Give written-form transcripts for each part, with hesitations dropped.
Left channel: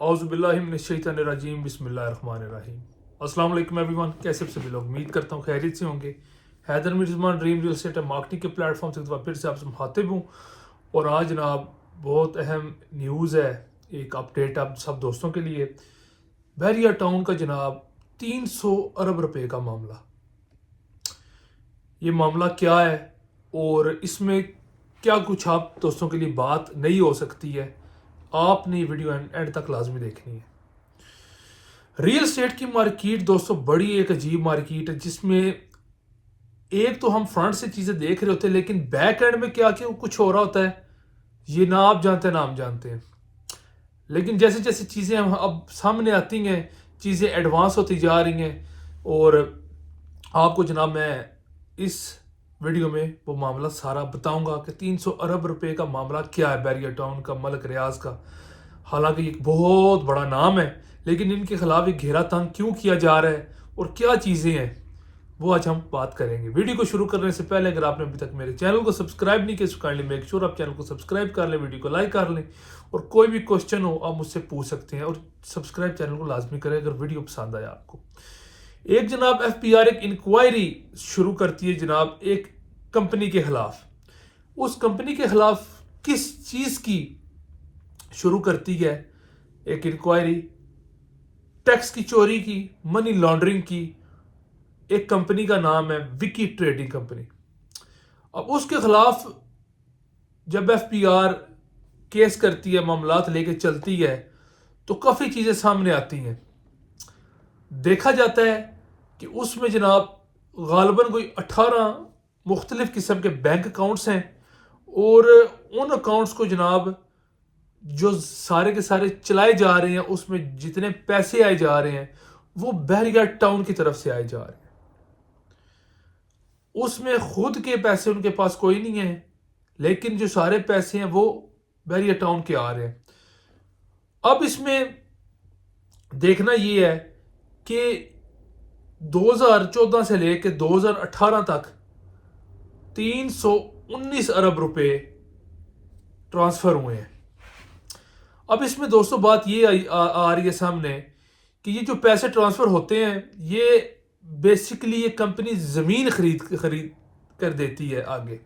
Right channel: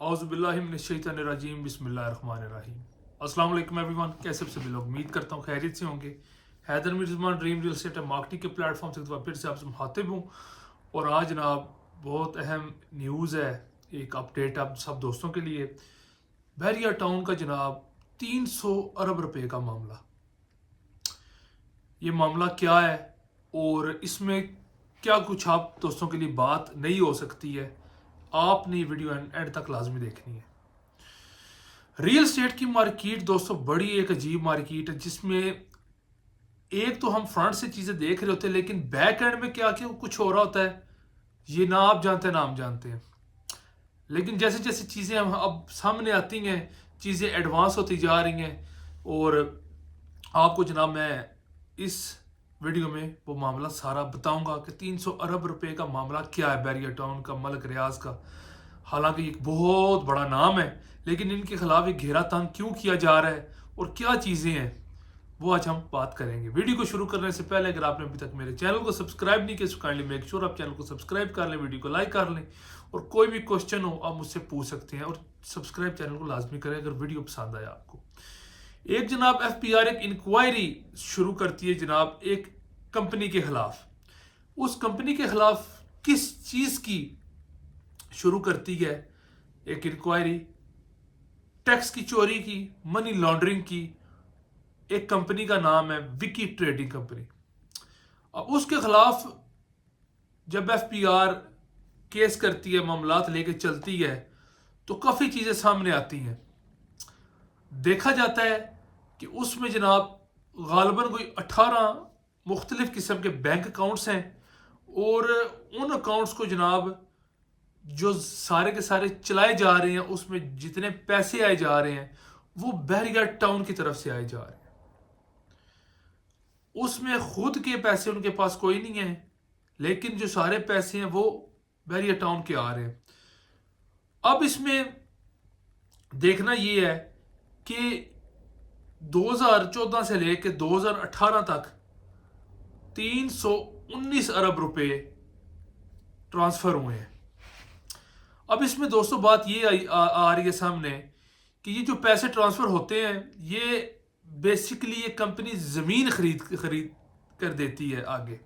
औज़ु बिल्लाहि मिनश शैतानिर रजीम बिस्मिल्लाहिर्रहमानिर्रहीम। अस्सलाम वालेकुम एवरीवन, कैसे सभी लोग? उम्मीद करता हूँ खैरियत से होंगे। Haider Mirzaman dream real estate marketing के प्लेटफॉर्म से एक बार फिर से आपसे मुखातिब हूँ और आज जनाब बहुत अहम न्यूज़ है, एक अपडेट आप सब दोस्तों के लिए। बहरिया टाउन का जनाब 300 अरब रुपए का मामला। ये मामला क्या है और इसमें क्या कुछ आप दोस्तों के लिए बात नहीं हो सकती है, आपने ये वीडियो एंड तक लाजमी देखनी है। रियल एस्टेट की मार्केट दोस्तों बड़ी एक अजीब मार्केट है, जिसमें एक तो हम फ्रंट से चीज़ें देख रहे होते हैं लेकिन बैक एंड में क्या क्या कुछ हो रहा होता है ये ना आप जानते हैं ना हम जानते हैं। लेकिन जैसे जैसे चीज़ें हम अब सामने आती हैं, चीज़ें एडवांस होती जा रही हैं और आपको जनाब मैं इस वीडियो में वो मामला सारा बताऊंगा कि 300 अरब रुपए का मामला क्या है बैरिया टाउन का, मलिक रियाज का। हालांकि एक बहुत बड़ा नाम है लेकिन इनके खिलाफ एक घेरा तंग क्यों किया जा रहा है और क्या चीज़ें हैं वो आज हम बात करेंगे। वीडियो को शुरू करने से पहले अगर आपने अभी तक मेरे चैनल को सब्सक्राइब नहीं किया तो काइंडली मेक श्योर आप चैनल को सब्सक्राइब कर लें, वीडियो को लाइक कर लें और कोई भी क्वेश्चन हो आप मुझसे पूछ सकते हैं और सब्सक्राइब चैनल को लाजमी करें अगर वीडियो पसंद आया आपको। एक जनाब एफबीआर एक इंक्वायरी शुरू करती है जनाब एक कंपनी के खिलाफ। उस कंपनी के खिलाफ किस चीज़ की शुरू करती है एक इंक्वायरी? टैक्स की चोरी की, मनी लॉन्ड्रिंग की। एक कंपनी का नाम है विकी ट्रेडिंग कंपनी। अब उसके खिलाफ जब एफबीआर केस करती है, मामलात लेके चलती है तो काफ़ी चीज़ें सामने आती हैं। देखा जाता है कि उसमें जनाब गालबन कोई 18 मुख्तलिफ किस्म के बैंक अकाउंट्स हैं और उन अकाउंट्स को जनाब जो सारे के सारे चलाए जा रहे हैं, उसमें जितने पैसे आए जा रहे हैं वो बहरिया टाउन की तरफ से आए जा रहे हैं। उसमें खुद के पैसे उनके पास कोई नहीं है लेकिन जो सारे पैसे हैं वो बहरिया टाउन के आ रहे हैं। अब इसमें देखना ये है कि 2014 से लेकर 2018 तक 319 अरब रुपए ट्रांसफर हुए हैं। अब इसमें दोस्तों बात ये आ रही है सामने कि ये जो पैसे ट्रांसफर होते हैं ये बेसिकली ये कंपनी जमीन खरीद कर देती है, आगे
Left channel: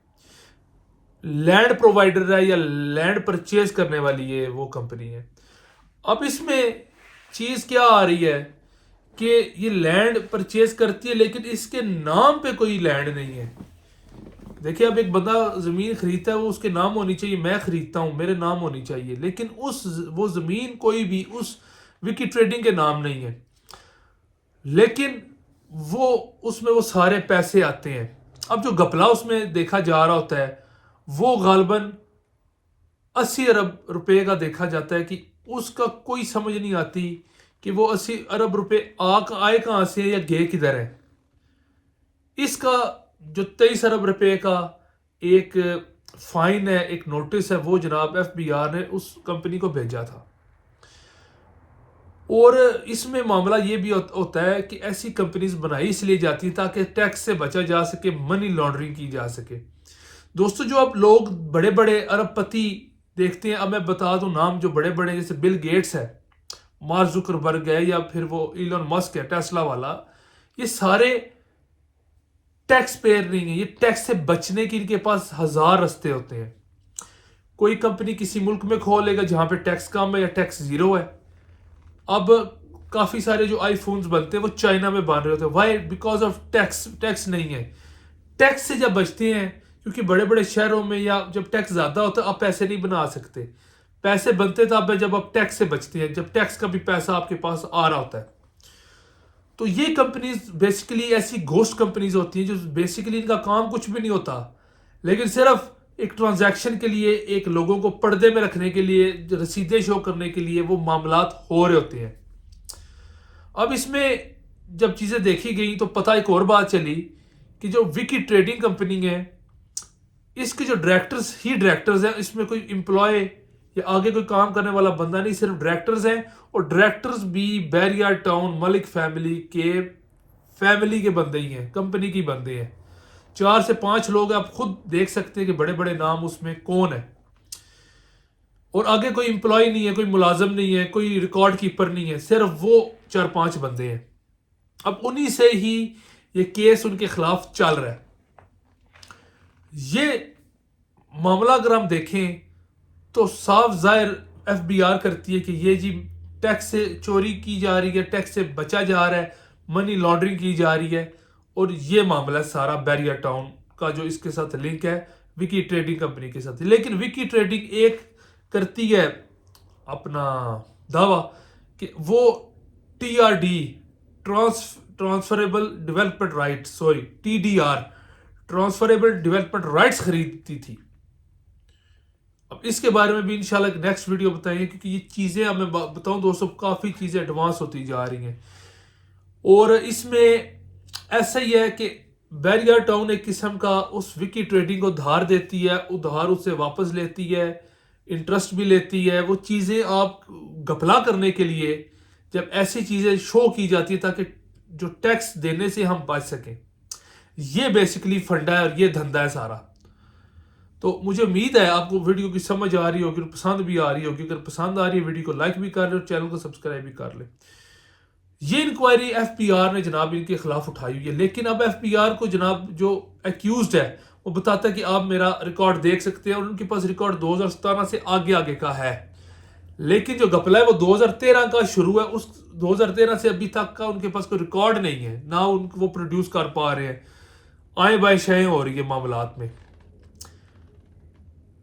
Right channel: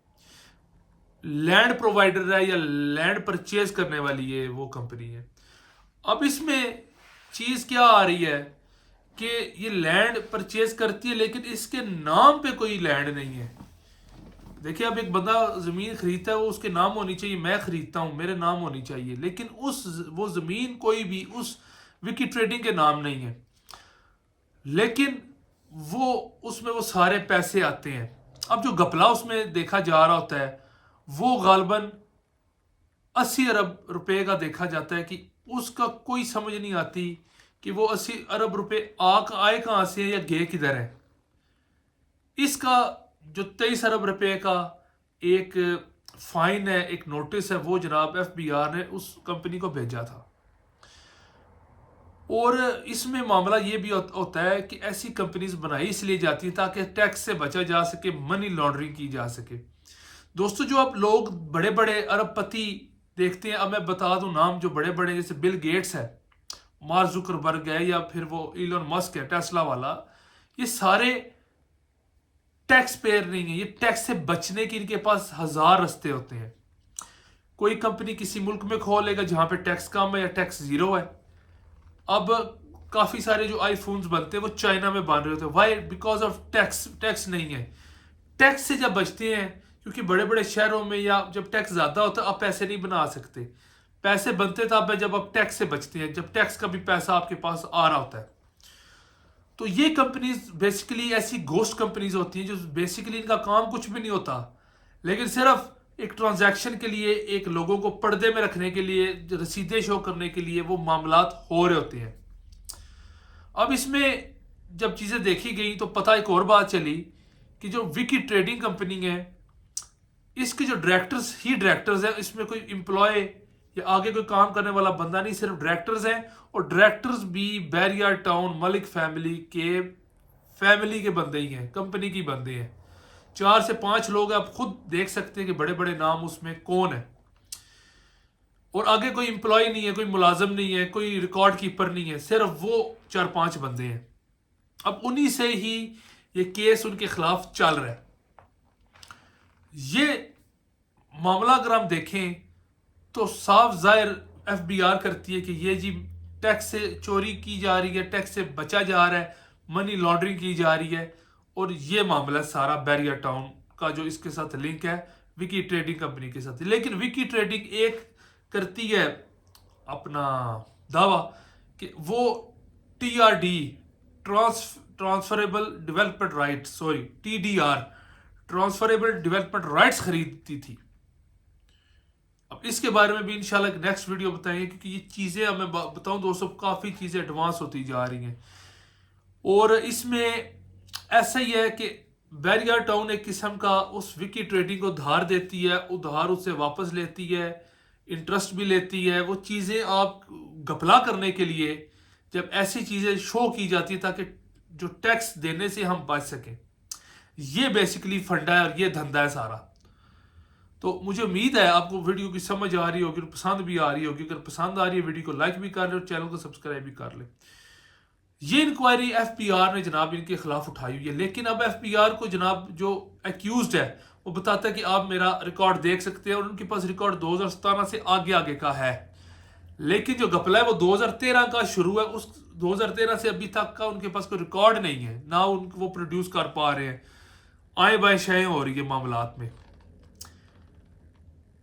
लैंड प्रोवाइडर है या लैंड परचेज करने वाली ये वो कंपनी है। अब इसमें चीज़ क्या आ रही है कि ये लैंड परचेज करती है लेकिन इसके नाम पे कोई लैंड नहीं है। देखिए, अब एक बंदा ज़मीन खरीदता है वो उसके नाम होनी चाहिए, मैं खरीदता हूँ मेरे नाम होनी चाहिए, लेकिन वो ज़मीन कोई भी उस विकी ट्रेडिंग के नाम नहीं है। लेकिन वो उसमें वो सारे पैसे आते हैं। अब जो घपला उसमें देखा जा रहा होता है वो गालबन 80 अरब रुपए का देखा जाता है कि उसका कोई समझ नहीं आती कि वो 80 अरब रुपए आए कहाँ से या गए किधर है। इसका जो 23 अरब रुपए का एक फाइन है, एक नोटिस है, वो जनाब एफबीआर ने उस कंपनी को भेजा था। और इसमें मामला ये भी होता है कि ऐसी कंपनीज बनाई इसलिए जाती हैं ताकि टैक्स से बचा जा सके, मनी लॉन्ड्रिंग की जा सके। दोस्तों, जो आप लोग बड़े बड़े अरबपति देखते हैं, अब मैं बता दूं नाम जो बड़े बड़े, जैसे बिल गेट्स है, मार्क जुकरबर्ग है या फिर वो इलॉन मस्क है टेस्ला वाला, ये सारे टैक्स पेयर नहीं है। ये टैक्स से बचने की इनके पास हजार रास्ते होते हैं। कोई कंपनी किसी मुल्क में खोलेगा जहां पे टैक्स कम है या टैक्स जीरो है। अब काफी सारे जो आईफोन्स बनते हैं वो चाइना में बन रहे होते हैं। वाई? बिकॉज ऑफ टैक्स नहीं है। टैक्स से जब बचते हैं, क्योंकि बड़े बड़े शहरों में या जब टैक्स ज्यादा होता है आप पैसे नहीं बना सकते। पैसे बनते तब है जब आप टैक्स से बचते हैं, जब टैक्स का भी पैसा आपके पास आ रहा होता है। तो ये कंपनीज बेसिकली ऐसी घोस्ट कंपनीज होती हैं जो बेसिकली इनका काम कुछ भी नहीं होता लेकिन सिर्फ एक ट्रांजैक्शन के लिए, एक लोगों को पर्दे में रखने के लिए, रसीदें शो करने के लिए वो मामलात हो रहे होते हैं। अब इसमें जब चीज़ें देखी गई तो पता एक और बात चली कि जो विकी ट्रेडिंग कंपनी है इसके जो डायरेक्टर्स हैं, इसमें कोई एम्प्लॉय या आगे कोई काम करने वाला बंदा नहीं, सिर्फ डायरेक्टर्स हैं। और डायरेक्टर्स भी बैरिया टाउन मलिक फैमिली के बंदे ही हैं, कंपनी की बंदे हैं। 4 से 5 लोग हैं, आप खुद देख सकते हैं कि बड़े बड़े नाम उसमें कौन है। اور آگے کوئی امپلائی نہیں ہے، کوئی ملازم نہیں ہے، کوئی ریکارڈ کیپر نہیں ہے، صرف وہ 4-5 بندے ہیں. اب انہی سے ہی یہ کیس ان کے خلاف چل رہا ہے. یہ معاملہ اگر ہم دیکھیں تو صاف ظاہر ایف بی آر کرتی ہے کہ یہ جی ٹیکس سے چوری کی جا رہی ہے، ٹیکس سے بچا جا رہا ہے، منی لانڈرنگ کی جا رہی ہے. اور یہ معاملہ سارا بیریا ٹاؤن کا جو اس کے ساتھ لنک ہے وکی ٹریڈنگ کمپنی کے ساتھ. لیکن وکی ٹریڈنگ ایک کرتی ہے اپنا دعویٰ کہ وہ T R D transferable development right T D R transferable development rights خریدتی تھی. اب اس کے بارے میں بھی انشاءاللہ ایک نیکسٹ ویڈیو بتائیں گے، کیونکہ یہ چیزیں میں بتاؤں دوستوں کافی چیزیں ایڈوانس ہوتی جا رہی ہیں. اور اس میں ایسا ہی ہے کہ بیریا ٹاؤن ایک قسم کا اس وکی ٹریڈنگ کو ادھار دیتی ہے، ادھار اس سے واپس لیتی ہے، انٹرسٹ بھی لیتی ہے. وہ چیزیں آپ گھپلا کرنے کے لیے جب ایسی چیزیں شو کی جاتی ہے تاکہ جو ٹیکس دینے سے ہم بچ سکیں، یہ بیسیکلی فنڈا ہے اور یہ دھندا ہے سارا. تو مجھے امید ہے آپ کو ویڈیو کی سمجھ آ رہی ہوگی اور پسند بھی آ رہی ہوگی. اگر پسند آ رہی ہے ویڈیو کو لائک بھی کر لیں اور چینل کو سبسکرائب بھی کر لیں. یہ انکوائری ایف پی آر نے جناب ان کے خلاف اٹھائی ہوئی ہے. لیکن اب ایف پی آر کو جناب جو ایکیوزڈ ہے وہ بتاتا ہے کہ آپ میرا ریکارڈ دیکھ سکتے ہیں، اور ان کے پاس ریکارڈ 2017 سے آگے کا ہے. لیکن جو گپلا ہے وہ 2013 کا شروع ہے. اس 2013 سے ابھی تک کا ان کے پاس کوئی ریکارڈ نہیں ہے، نہ ان کو وہ پروڈیوس کر پا رہے ہیں. آئیں بائیں شائیں ہو رہی ہے معاملات میں.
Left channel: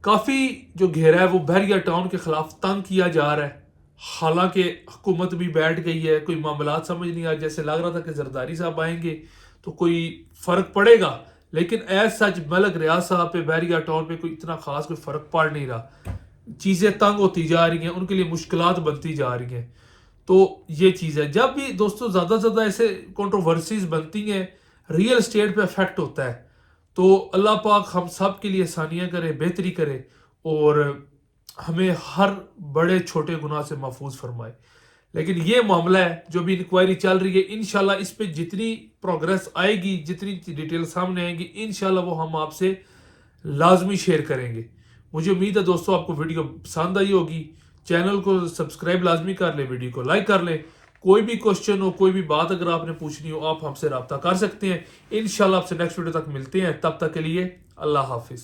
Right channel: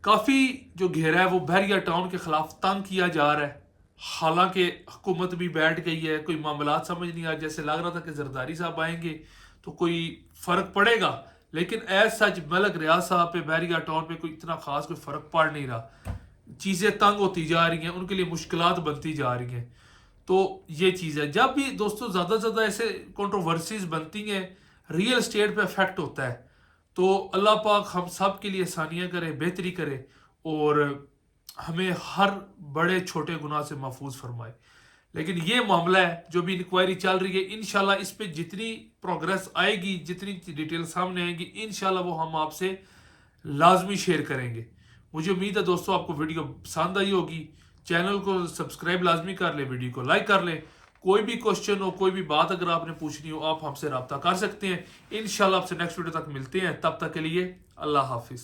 کافی جو گھیرا ہے وہ بیریا ٹاؤن کے خلاف تنگ کیا جا رہا ہے. حالانکہ حکومت بھی بیٹھ گئی ہے، کوئی معاملات سمجھ نہیں آ، جیسے لگ رہا تھا کہ زرداری صاحب آئیں گے تو کوئی فرق پڑے گا، لیکن ایز سچ ملک ریاض صاحب پہ بیریا ٹاؤن پہ کوئی اتنا خاص کوئی فرق پڑ نہیں رہا. چیزیں تنگ ہوتی جا رہی ہیں، ان کے لیے مشکلات بنتی جا رہی ہیں. تو یہ چیز ہے. جب بھی دوستوں زیادہ سے زیادہ ایسے کنٹروورسیز بنتی ہیں، ریئل اسٹیٹ پہ افیکٹ ہوتا ہے، تو اللہ پاک ہم سب کے لیے آسانیاں کرے، بہتری کرے، اور ہمیں ہر بڑے چھوٹے گناہ سے محفوظ فرمائے. لیکن یہ معاملہ ہے جو بھی انکوائری چل رہی ہے، انشاءاللہ اس پہ جتنی پروگریس آئے گی، جتنی ڈیٹیل سامنے آئیں گی، انشاءاللہ وہ ہم آپ سے لازمی شیئر کریں گے. مجھے امید ہے دوستوں آپ کو ویڈیو پسند آئی ہوگی. چینل کو سبسکرائب لازمی کر لیں، ویڈیو کو لائک کر لیں. کوئی بھی کوشچن ہو، کوئی بھی بات اگر آپ نے پوچھنی ہو، آپ ہم سے رابطہ کر سکتے ہیں. انشاءاللہ آپ سے نیکسٹ ویڈیو تک ملتے ہیں. تب تک کے لیے اللہ حافظ.